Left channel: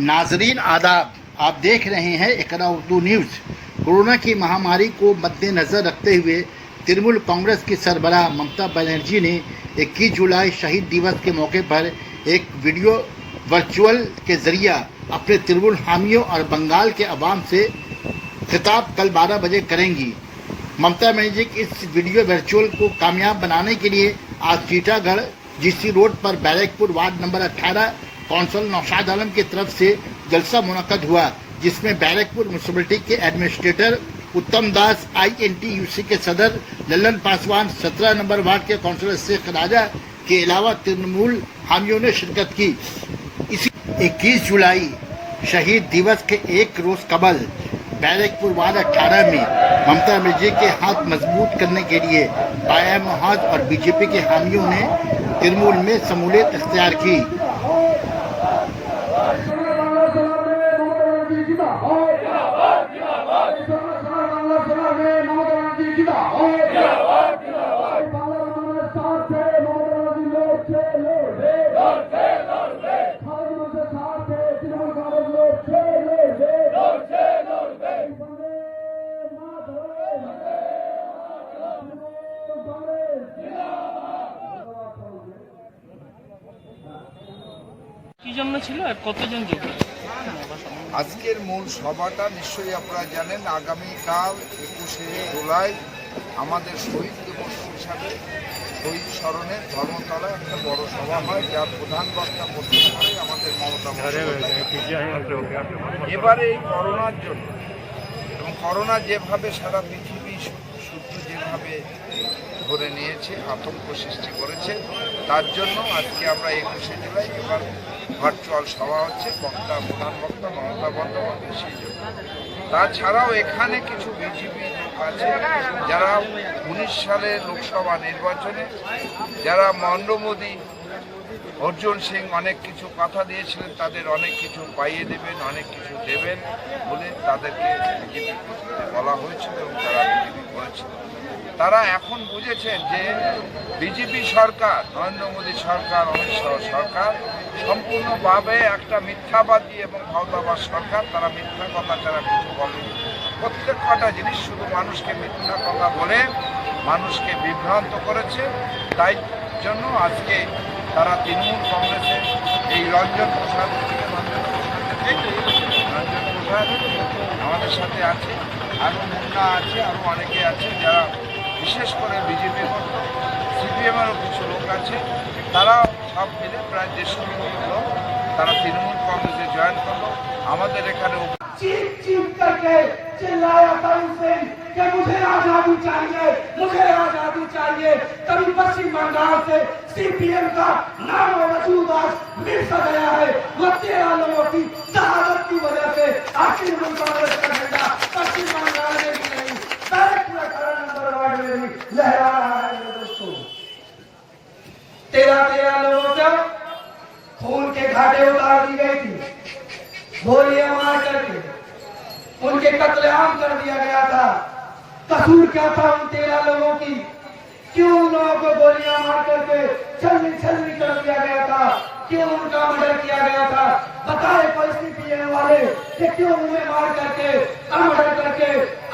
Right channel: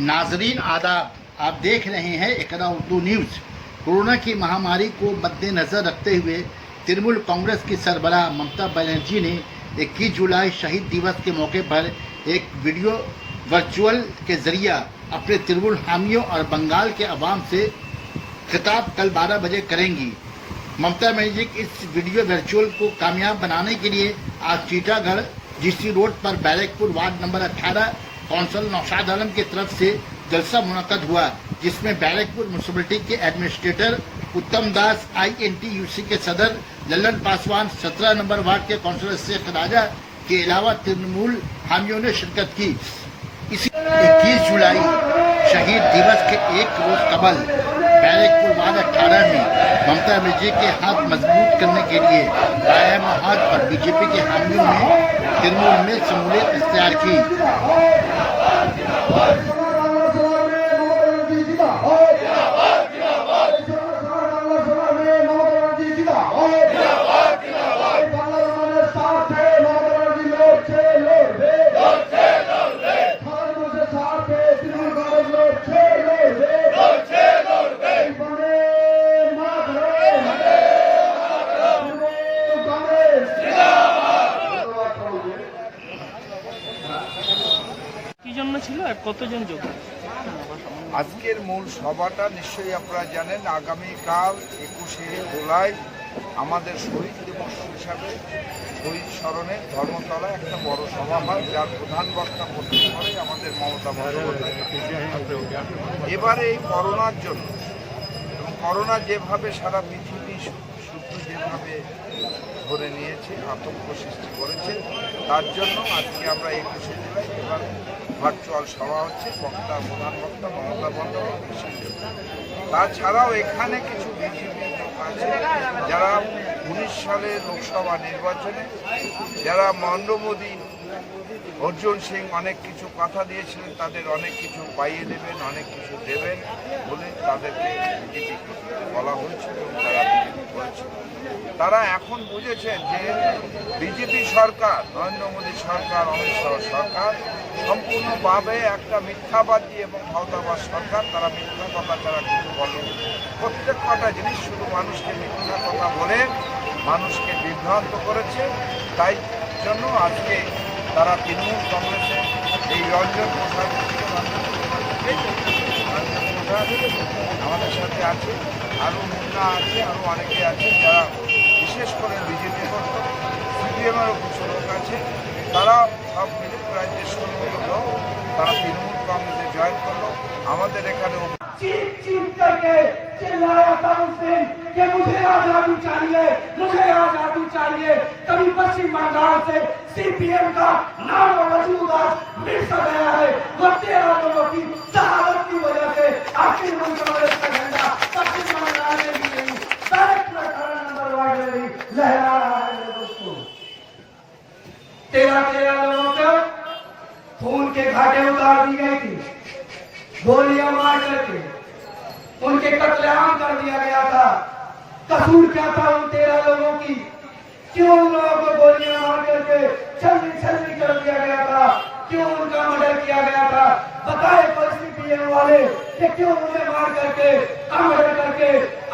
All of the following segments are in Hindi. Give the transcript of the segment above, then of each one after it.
नाजरीन आदाब, आप देख रहे हैं इकरा उर्दू न्यूज़। कोरोना की महामारी को मद्देनज़र रखते हुए तृणमूल कांग्रेस की सरबराह ममता बनर्जी ने 21 जुलाई शहीद दिवस के मौके पर एक वीडियो वर्चुअल के जरिए अपने तृणमूल हामियों और बंगाल के अवाम से खिताब कल 12 बजे करेंगी। ममता बनर्जी इस वीडियो वर्चुअल को कामयाब बनाने के लिए आज टीटागढ़ जीसी रोड पर Barrackpore ward number 18 council Naushad Alam की तरफ से जलसा मुनक्कद हुआ, जिसमें बैरकपुर म्यूनिसिपलिटी के एडमिनिस्ट्रेटर उत्तम दास, INTUC के सदर लल्लन पासवान, 17 नंबर वार्ड के काउंसलर शेख राजा के अलावा तृणमूल हामियों ने शिरकत की। इसी 21 जुलाई शहीद दिवस के एक रोज कबल बैरकपुर वार्ड 18 में ममता बनर्जी के हाथ मजबूत करने के लिए बाया महाज और बीजेपी के हामियों ने तृणमूल में शमूलियत इख्तियार की। কি জন্য ছিল আর কতজন যোগ দিল? আজকের মূল সভাটা নিশ্চয়ই আপনারা জানেন, আগামীকাল 21শে জুলাই আমাদের শহীদ দিবস হিসাবে শহীদ স্মরণে ধর্মতলা একটা বড় সভা হয়, যার প্রধান বক্তা প্রস্তুত করে আমাদের মমতা বন্দ্যোপাধ্যায়। এবারে এই করোনার জন্য এবং করোনা যেভাবে সারা পৃথিবী শুদ্ধ যেভাবে ধরে নিয়েছে, আতঙ্ক সৃষ্টি করেছে, তার জন্য আজকে আমরা 21শে জুলাই এবার ভার্চুয়াল সভা হচ্ছে। প্রধান বক্তা মমতা বন্দ্যোপাধ্যায় সেই জন্য। তাছাড়াও এখানে কিছু বিজেপি লোক আছে যারা 19 সালে লোকসভা নির্বাচনে যারা নরেন্দ্র মোদী, অর্জুন সিং অনেক কিছু কথা দিয়েছিলেন, তাদের অনেক কিছু পাইয়ে দেবেন, অনেক কিছু দেবেন বলে তাদেরকে বিজেপি করতে বলা হয়েছিল এবং তারা বিজেপি করেছিল। তারা এখন বুঝেছেন যে বিজেপি সরকার, নরেন্দ্র মোদী সরকার, অমিত শাহ সরকার সম্পূর্ণভাবে একটা মিথ্যাবাদী এবং ভাওতাবাদ সরকার। তারা মিথ্যা কথা ছাড়া কিছু বলেনি। প্রত্যেক কটা জিনিস শুধু মানুষকে মিথ্যা কথা বলে মানুষকে বিভ্রান্ত করেছে। তাই জন্য আজকে তারা তৃণমূল কংগ্রেসে এই রঞ্জন প্রসাদ আমাদের সাথে আছে, আরও মুন্না আছে, আরও অনেকে আছে যারা বিশেষ করে বিজেপি করত, CPM-এরও কিছু লোক আছে। তারা সব মিলে প্রায় 150 লোক তারা তৃণমূল কংগ্রেসে জয়েন করলো। আমাদের এখানে चीख करके चिल्लाया था उनसे कि मुझे आजादी चाहिए, मुझे आजादी चाहिए। तभी पश्चिम बंगाल से CPM का नाम वजूद आज मिट सा गया है। वो 13 लोगों की शहादत की वजह से आज तृणमूल कांग्रेस का झंडा पश्चिम बंगाल में भी नहीं, बैरकपुर 18 नंबर वार्ड में भी लहरा रहा है। मेरे दोस्तों, 13 लोगों को खून के घाटे उतार दी गई थी, गोलियां मार करके उनके कत्लेआम कर दिया गया था। कसूर क्या था उन 13 लोगों की? क्यों उन लोगों को गोलियां मार करके छलनी कर दिया गया था? क्यों उनका मर्डर किया गया था? बताए CPM वाले कि क्यों उन्हें मार करके, मर्डर करके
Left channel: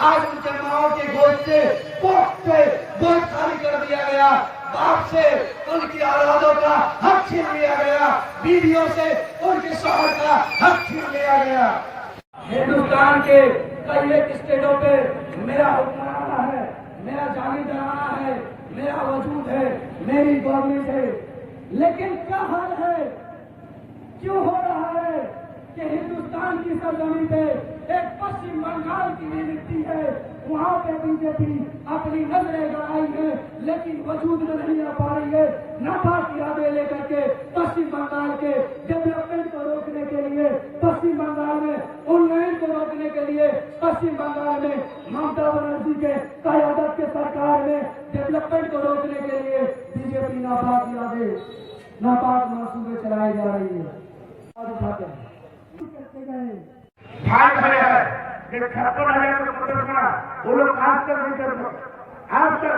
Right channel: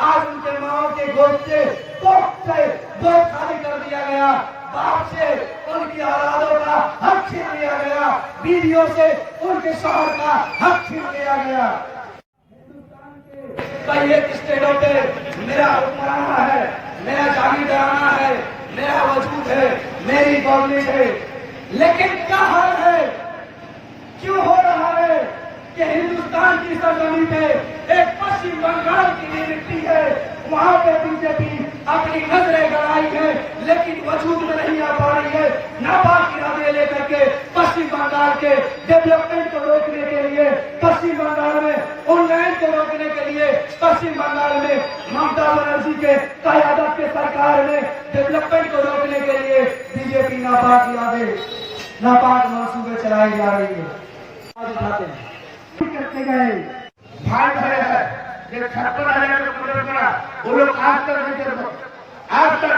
आज उनके माओ के गोद से गोद खाली कर दिया गया। बाप से उनकी औलादों का हक छीन लिया गया, बीवियों से उनके शौहर का हक छीन लिया गया। हिंदुस्तान के कई एक स्टेटों पे मेरा हुक्मराना है, मेरा जागीरदाराना है, मेरा वजूद है, मेरी गवर्नमेंट है। लेकिन क्या हाल है, क्यों हो रहा है कि हिंदुस्तान की सरजमीन पे एक पश्चिम बंगाल की मिट्टी है, वहाँ पे बीजेपी अपनी नजरें गड़ाई है, लेकिन वजूद में नहीं आ पा रही है। नापाक इरादे लेकर के पश्चिम बंगाल के डेवलपमेंट को रोकने के लिए, पश्चिम बंगाल में उन्नयन को रोकने के लिए, पश्चिम बंगाल में ममता बनर्जी के क़यादत के सरकार में डेवलपमेंट को रोकने के लिए बीजेपी नापाक इरादे, नापाक मंसूबे चलाई जा रही है। आज उठाते हैं करते गए भाई भरे है 56,000 का वो लोग आज तक नहीं कर सकते। आज तक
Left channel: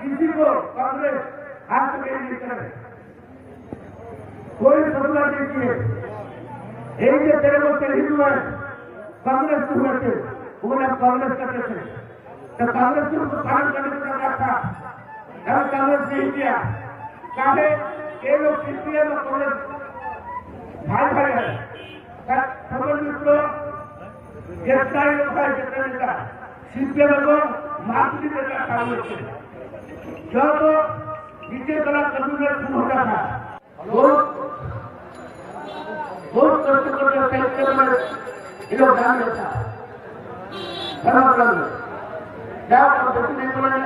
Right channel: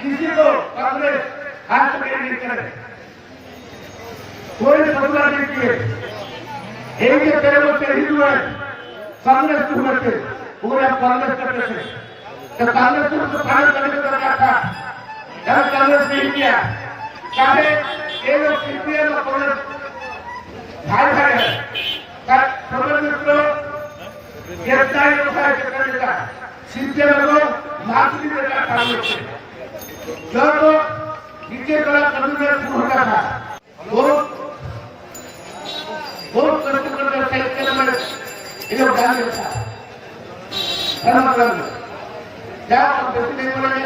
किसी को कांग्रेस हाथ में नहीं करे, कोई फैसला नहीं किए। এই যে 13 বছর হিন্দু कांग्रेस को लेते पूरे कांग्रेस करते थे तो कांग्रेस को तो फाइनल करने का दरकार था यार कांग्रेस नहीं किया चाहे ये लोग सीपीएम और कांग्रेस भाई भाई है पर समझ मित्रों गिरफ्तारी लोग है करने का सीपीएम को माफी देना कांग्रेस से जो तो नीचे कला कद्दू में फूल होता था बहुत कष्ट करके सेक्टर में ये लोग जान लेता धर्म कलम क्या आप बेटी नहीं बोलेंगे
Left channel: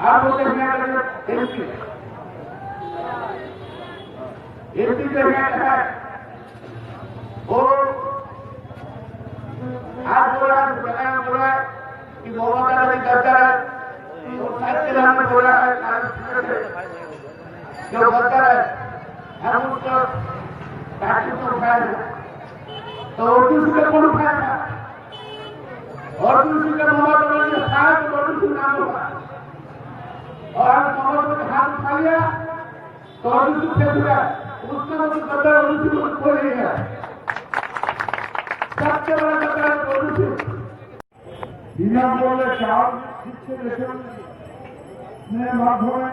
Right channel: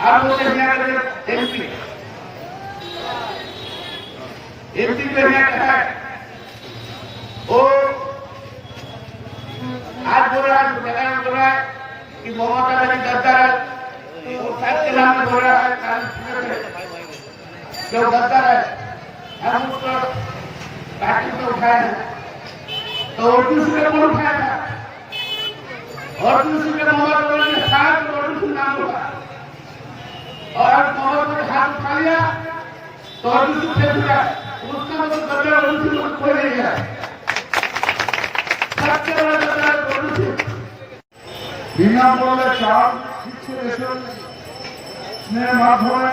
आप बोलते हैं यहाँ करके एमपी पे यहाँ कहा है वो आज बोल रहा है जगह में बोल रहा है कि मोहम्मद अली गद्दार है और साथ के नाम में बोल रहा है जो गद्दार है हम उसको पार्टी को उठाए हैं तो दूसरे कौन उठाया था और दूसरे मोहम्मद अली ने साथ और दूसरे नाम होगा और मोहम्मद अली हाथ उठा लिया तो और दूसरे फेंक दिया उसका मतलब गद्दार और दूसरे कोई नहीं है सबसे बड़ा गद्दार और दूसरे বিনামূল্যে চাল শিক্ষা রেশনের মাধ্যমে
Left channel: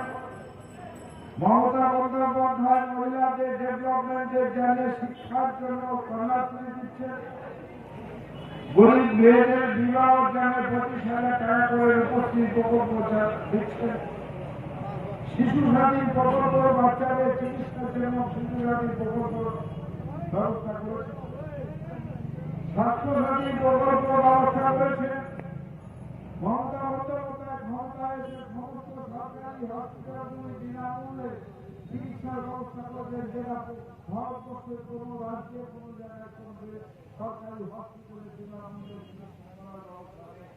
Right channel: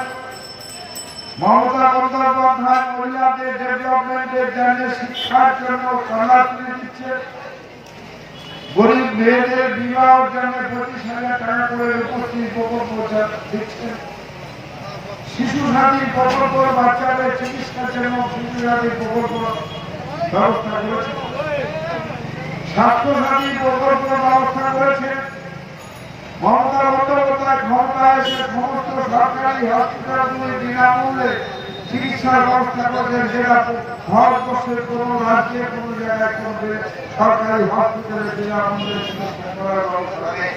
মমতা বন্দ্যোপাধ্যায় মহিলাদের ডেভেলপমেন্টের জন্য শিক্ষার জন্য কন্যাশ্রী দিচ্ছে গরিব মেয়েদের বিবাহের জন্য 25,000 টাকা করে রূপশ্রী প্রকল্প দিচ্ছে শিশু সাথী প্রকল্প বাচ্চাদের চিকিৎসার জন্য শিশু সাথী প্রকল্প ব্যবস্থা করেছে স্বাস্থ্য সাথী প্রকল্প ব্যবস্থা করেছে মমতা বন্দ্যোপাধ্যায় ক্ষমতায় এসে সমস্ত সরকারি হসপিটালগুলি বিনামূল্যে চিকিৎসার ব্যবস্থা করেছেন যেটা ভারতবর্ষের কোনো রাজ্যে কোনো জায়গায় কোনো সরকারি হসপিটালে বিনামূল্যে চিকিৎসা করার ব্যবস্থা নেই